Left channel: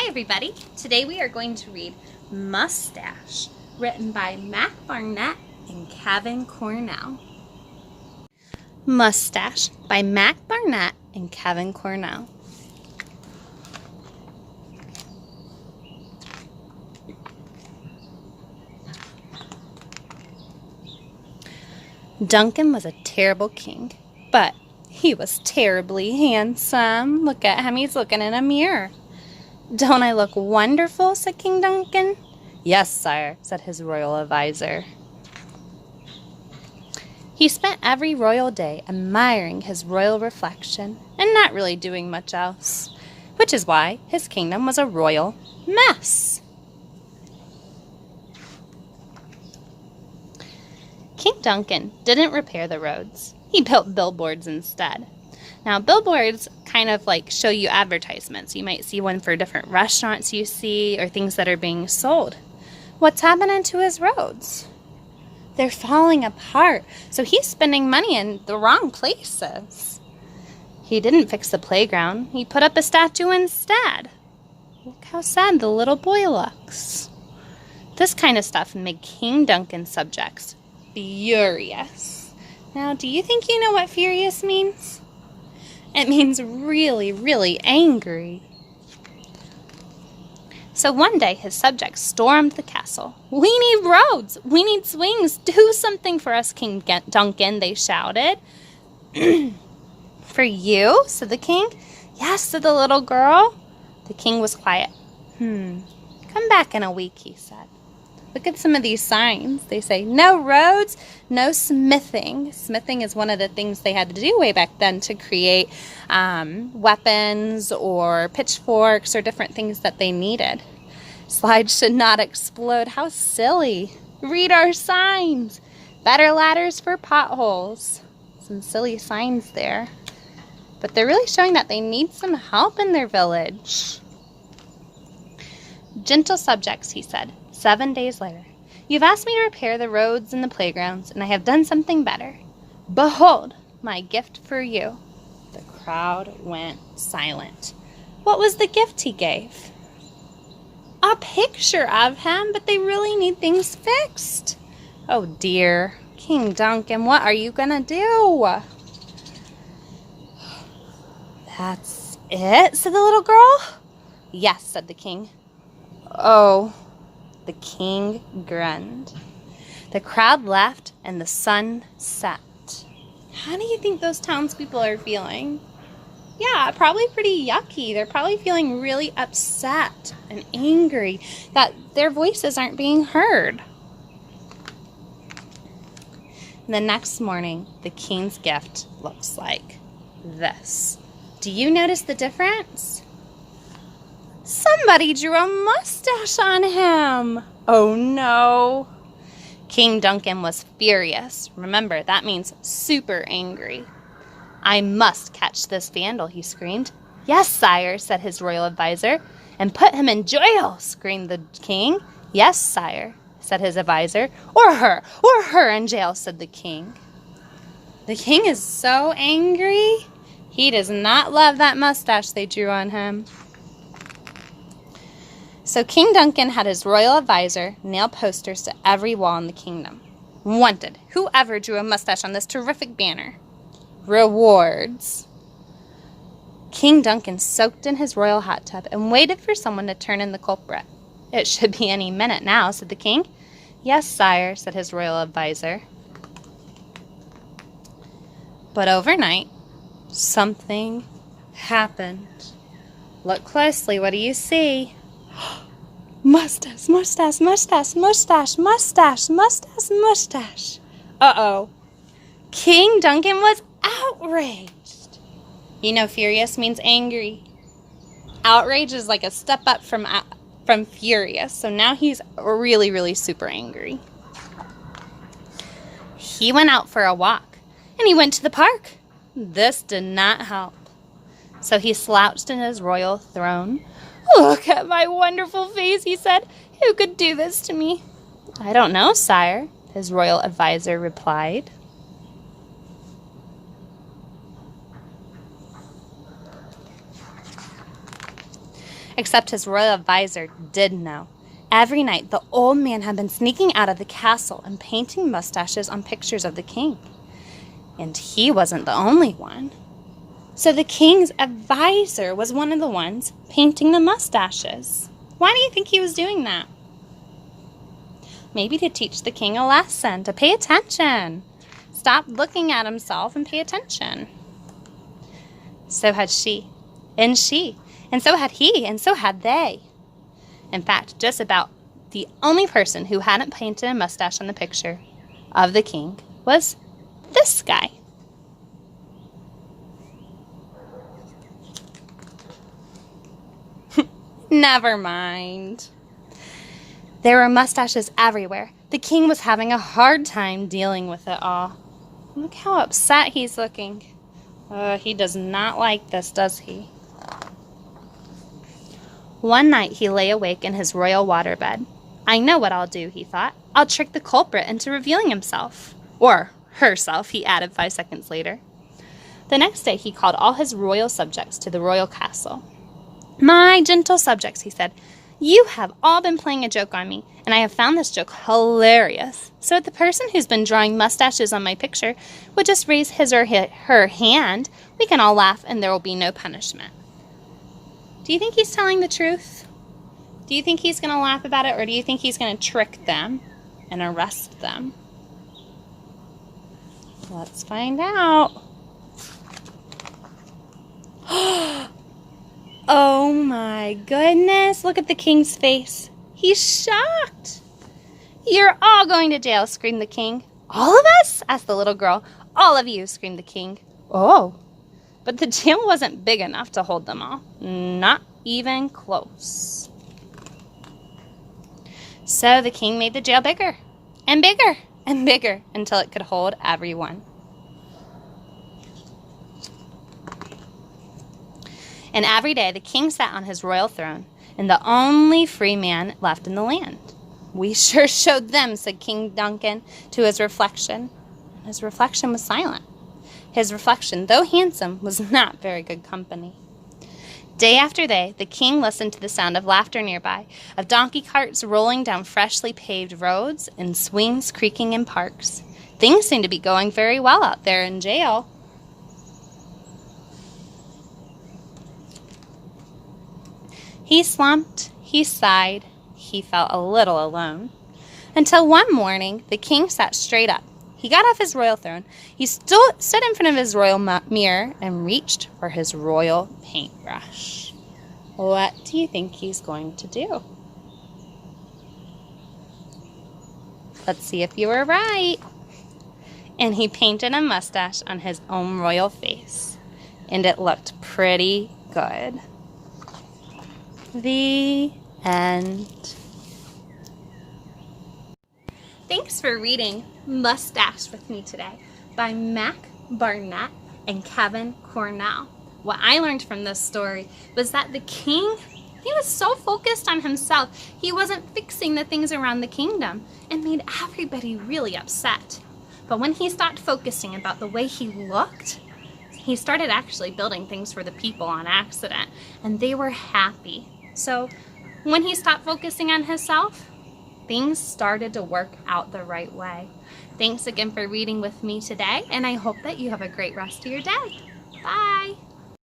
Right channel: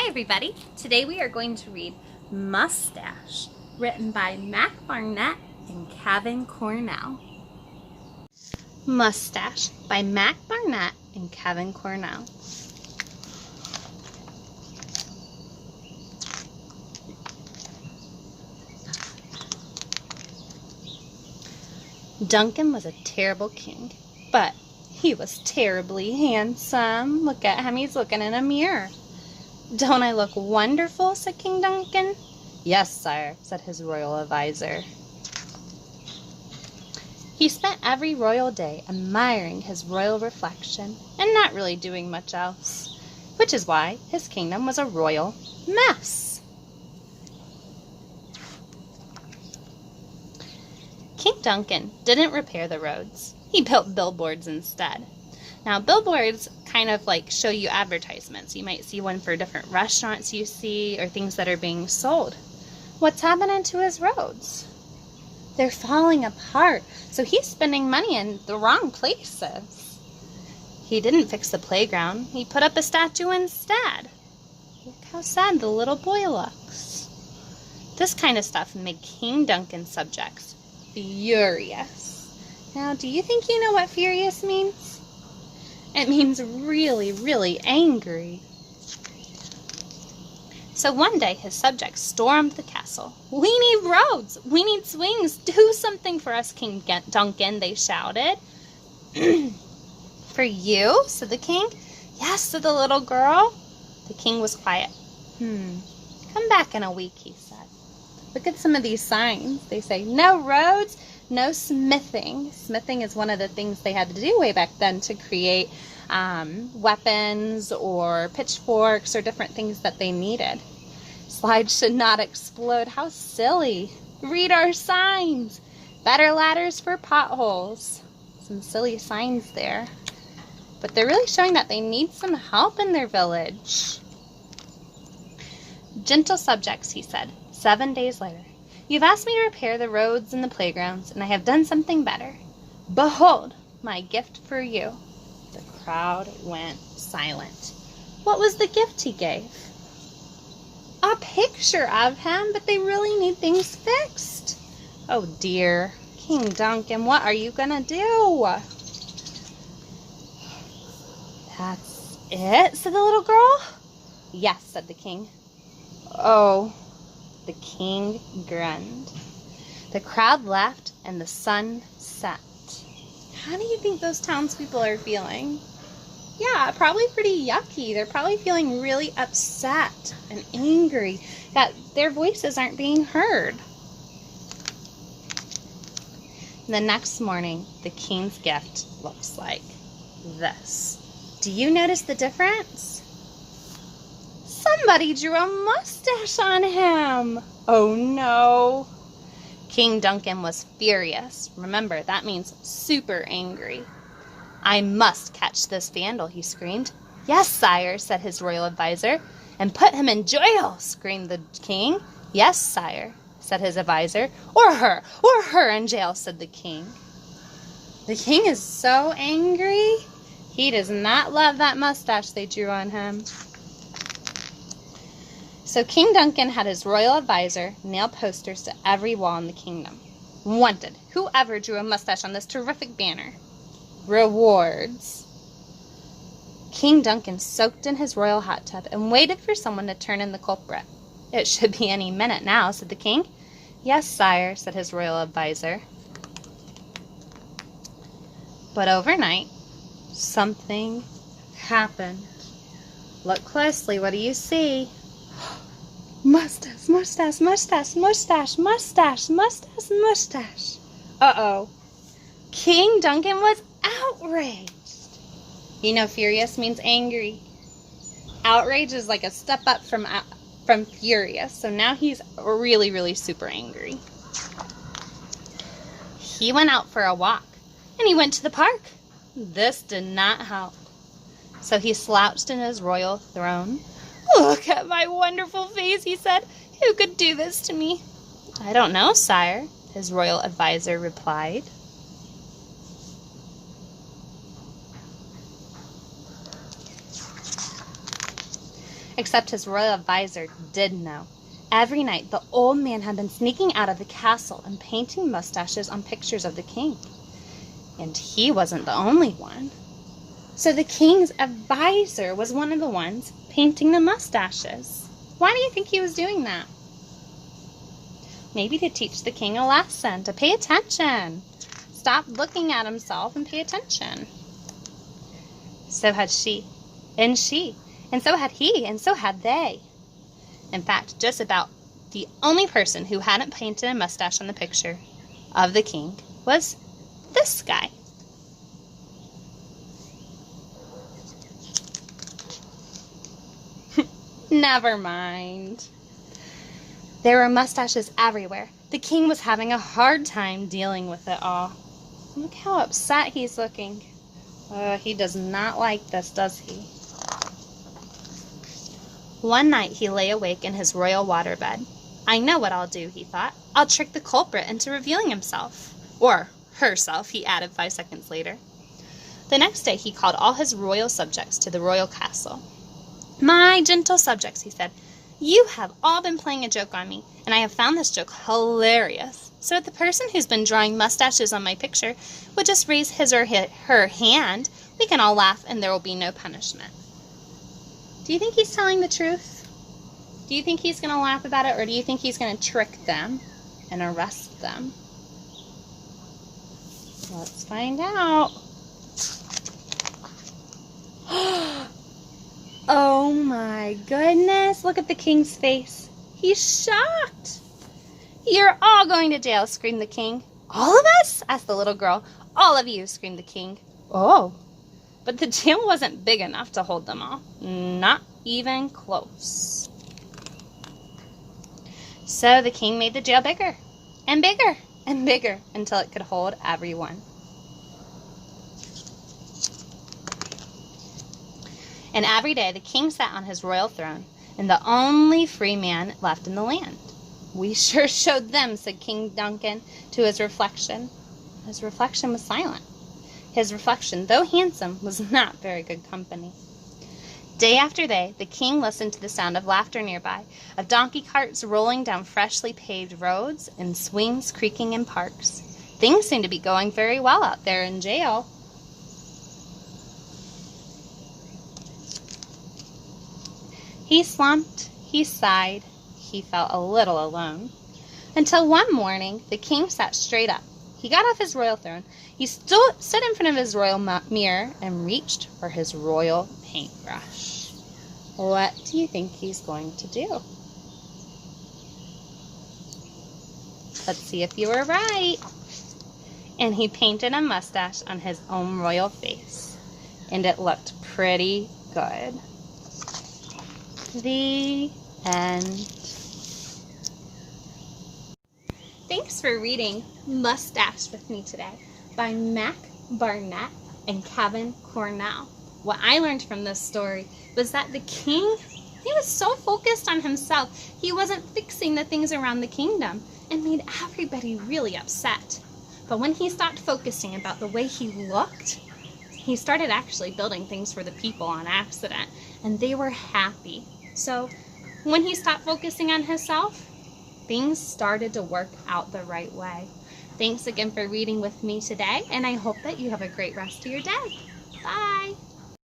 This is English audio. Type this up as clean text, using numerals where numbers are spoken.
Hi everybody! Today we are going to read Mustache, written by Barnett and Cornell. Mustache by Barnett and Cornell. Duncan was a terrible king, but he was terribly handsome. Look at him, he's looking in a mirror. "Don't I look wonderful?" said King Duncan. "Yes, sire," said his royal advisor. He spent every royal day admiring his royal reflection and not really doing much else, which is why his kingdom was a royal mess. King Duncan didn't repair the roads. He built billboards instead. Now, billboards kind of like show you advertisements. You might see one for different restaurants you see or things that are being sold. What's happening to his roads? They're falling apart, so he's spending money in the wrong places. He didn't fix the playground. He put up a statue instead. Look how sad the little boy looks. This kind of stuff made King Duncan's subjects furious. Now, do you think you know what furious means? It means really, really angry. So one day his subjects stormed the castle. "We need roads! We need swings! Do something for us, King Duncan," they shouted. "For you?" said the king. "Yes," said the little girl. The king was quiet. "Come back in a week," he said. Look at some of these signs. They say, "No roads, no smithing." Smithing is one of the things they had to do way back then to create weapons or pitchforks or different things that they needed. "Slides should not explode." How silly. Read our signs. "Better ladders for potholes." Some silly signs there. But they're really showing that they need some help in their village. "Gentle subjects," he said. 7 days later, "You've asked me to repair the roads and the playgrounds, and I have done something better. Behold, my gift for you." The crowd went silent. What was the gift he gave? A picture of him, but they really need things fixed. Oh dear. King Duncan, what are you gonna do? "That's it," said the little girl. "Yes," said the king. "Oh." The king grinned. The crowd left and the sun set. How do you think those townspeople are feeling? Yeah, probably pretty yucky. They're probably feeling really upset and angry that their voices aren't being heard. The next morning, the king's gift looks like this. Do you notice the difference? Somebody drew a mustache on him. Oh no. King Duncan was furious. Remember, that means super angry. "I must catch this vandal," he screamed. "Yes, sire," said his royal advisor. "And put him in jail," screamed the king. "Yes, sire," said his advisor. Or her in jail," said the king. The king is so angry. He does not love that mustache they drew on him. So King Duncan had his royal advisor nail posters to every wall in the kingdom. "Wanted, whoever drew a mustache on this terrific banner. Rewards." King Duncan soaked in his royal hot tub and waited for someone to turn in the culprit. "It should be any minute now," said the king. "Yes, sire," said his royal advisor. But overnight, something happened. Look closely. What do you see? Mustache, mustache, mustache, mustache, mustache, mustache, mustache. Uh-oh. King Duncan was outraged. You know, furious means angry. Outrage is like a step up from furious. So now he's really, really super angry. He went out for a walk, and he went to the park. This did not help. So he slouched in his royal throne. "Look at my wonderful face," he said. "Who could do this to me?" "I don't know, sire," his royal advisor replied. Except his royal advisor did know. Every night, the old man had been sneaking out of the castle and painting mustaches on pictures of the king. And he wasn't the only one. So the king's advisor was one of the ones painting the mustaches. Why do you think he was doing that? Maybe to teach the king a lesson, to pay attention. Stop looking at himself and pay attention. So had she, and so had he, and so had they. In fact, just about the only person who hadn't painted a mustache on the picture of the king was this guy. Never mind. There were mustaches everywhere. The king was having a hard time dealing with it all. Look how upset he's looking. He does not like this, does he? One night he lay awake in his royal waterbed. I know what I'll do, he thought. I'll trick the culprit into revealing himself. Or herself, he added 5 seconds later. The next day he called all his royal subjects to the royal castle. My gentle subjects, he said, you have all been playing a joke on me, and I have found this joke hilarious. So if the person who's been drawing mustaches on my picture would just raise his or her hand, we can all laugh and there will be no punishment. Do you think he's telling the truth? Do you think he's going to laugh about it, or do you think he's going to trick them and arrest them? Let's find out. Oh my goodness, look at the king's face. He's shocked. You're all going to jail, screamed the king. All of us? Asked the little girl. All of you, screamed the king. Oh, but the jail wasn't big enough to hold them all. Not even close. So the king made the jail bigger and bigger and bigger until it could hold everyone. And every day the king sat on his royal throne, and the only free man left in the land. We sure showed them, said King Duncan to his reflection. His reflection was silent. His reflection, though handsome, was not very good company. Day after day, the king listened to the sound of laughter nearby, of donkey carts rolling down freshly paved roads, and swings creaking in parks. Things seemed to be going very well out there in jail. He slumped, he sighed, he felt a little alone. Until one morning, the king sat straight up. He got off his royal throne. He stood in front of his royal mirror and reached for his royal paintbrush. What do you think he's going to do? Let's see if you were right. And he painted a mustache on his own royal face. And it looked pretty good. The end. Thanks for reading Mustache with me today by Mac Barnett and Kevin Cornell. What I learned from this story was that the king, he was so focused on himself, he wasn't fixing the things around the kingdom and made everybody really upset. But when he stopped focusing about the way he looked, he started actually building things for the people on accident, and they were happy. So when he stopped focusing on himself, things started to work out the right way. Thanks again for reading with me today, and I hope that you have a great rest of your day. Bye!